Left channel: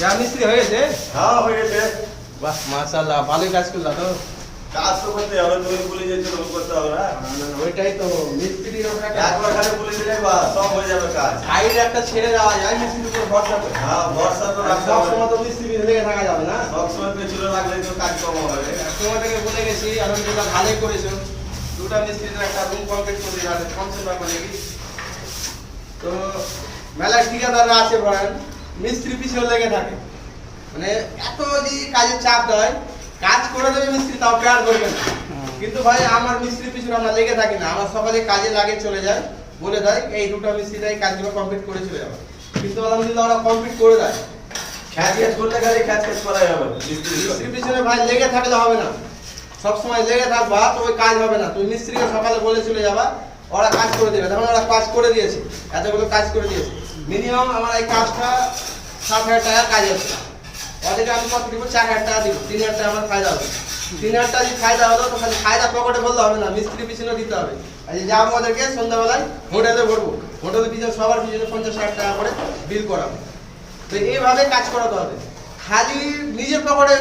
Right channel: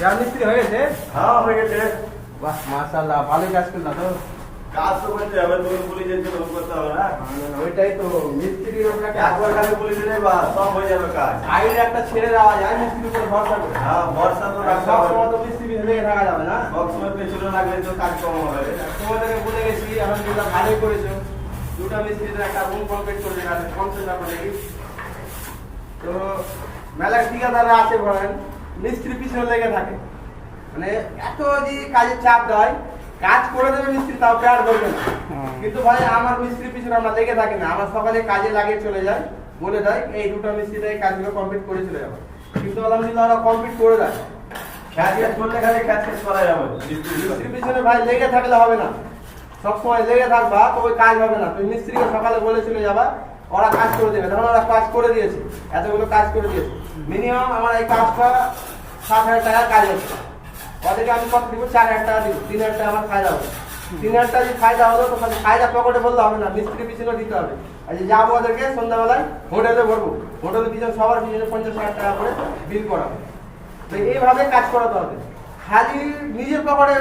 যা মিস্ত্রি হয়ে গেছে? হ্যাঁ হয়ে গেছে। বাহ মাশাআল্লাহ, ভালোই কাজ করলা তো। কাজ তো করতে হবে, তুমি বলে যেতে করতে হবে না। ওইটাই তো মিস্ত্রির ওটা একবার খালি বলে দিলে বা সব হয়ে যাবে কাজ। সাইডে একটা ছেড়ে দেওয়া যায়, মিস্ত্রির উপর ভরসা করে। হ্যাঁ ভরসা তো রাখতে সব হবে। সময় তো মিস্ত্রি লেগে থাকা যাবে না। সবসময় পেছনে লাগলে তো কাজ কম হবে। তোমাদেরকে বলে গেছি, আলহামদুলিল্লাহ ভালোই করেছো। দুটা মিস্ত্রির একটা রুম কমপ্লিট করে দিলাম, কনসেপ্ট ব্যাপার নাকি। তো মেলা ঠিকাদাররা আছে বলেন, মিস্ত্রি পিছনে লেগে থাকে, মানে এত যদি কাজের চাপ দেয়, কাজ করে দেবে মিস্ত্রি, তাও কেয়ার করবে না। কিন্তু ভাই আমার মিস্ত্রির পিছনে আমরা লেগে থাকি না, আমার সকালে কাজে লাগে চলে যায়, বলে দেয় এই দুটো মিস্ত্রিটাই কাজগুলো কমপ্লিট করে চলে যাবে। কিন্তু আলহামদুলিল্লাহ ওরা কমপ্লিট করে দেয়। খ্যাচ খ্যাচ করলে খালি খ্যাচ খ্যাচ করা যাবে। মিস্ত্রির পিছনে ভাই লেগে থাকলে হবে না, সবসময় লেগে থাকবা তো ওই কাজ হবে না। তুমি মিস্ত্রিকে সকালে বলে চলে যাবা, ওরা কাজ করে দেবে। তখন ওরা কাজ করে দিয়েছে, এতগুলো কাজ করে দিয়েছে। মিনিমাম আমার এই কাজটা 60,000 টাকা কাজ হচ্ছে, ওদেরকে আমি কত দিব? 4,000 টাকা দিব, 3,000 টাকা আমার ফায়দা হবে। 3,000 টাকা যদি ফায়দা হলো তো খালি ফায়দা পকেটে বললে হবে না, মিস্ত্রির পিছনে দিতে হবে। আর যে যাবো ওদেরকে সন্ধ্যাবেলায় হোটেলে ভরবো, হোটেলের পিছনে সবার পিছনে 50-60 টাকা করে বিল করাবো। তো এইভাবে কাজ করাতে হবে। খালি নিজের পকেটে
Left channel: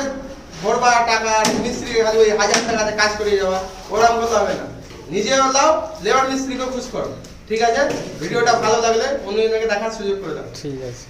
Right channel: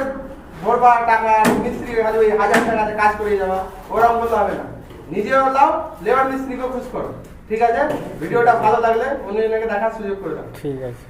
ভরবা টাকা, মিস্ত্রি খালি ওই 1,000 টাকাতে কাজ করে যাওয়া, ওরকম করতে হবে না। নিজেও লাও, লেবার মিস্ত্রিকেও খুশ করো। ঠিক আছে, ভিডিওটা ভালো লাগলে অন্যজনকে দেখার সুযোগ করে দাও। ঠিক আছে।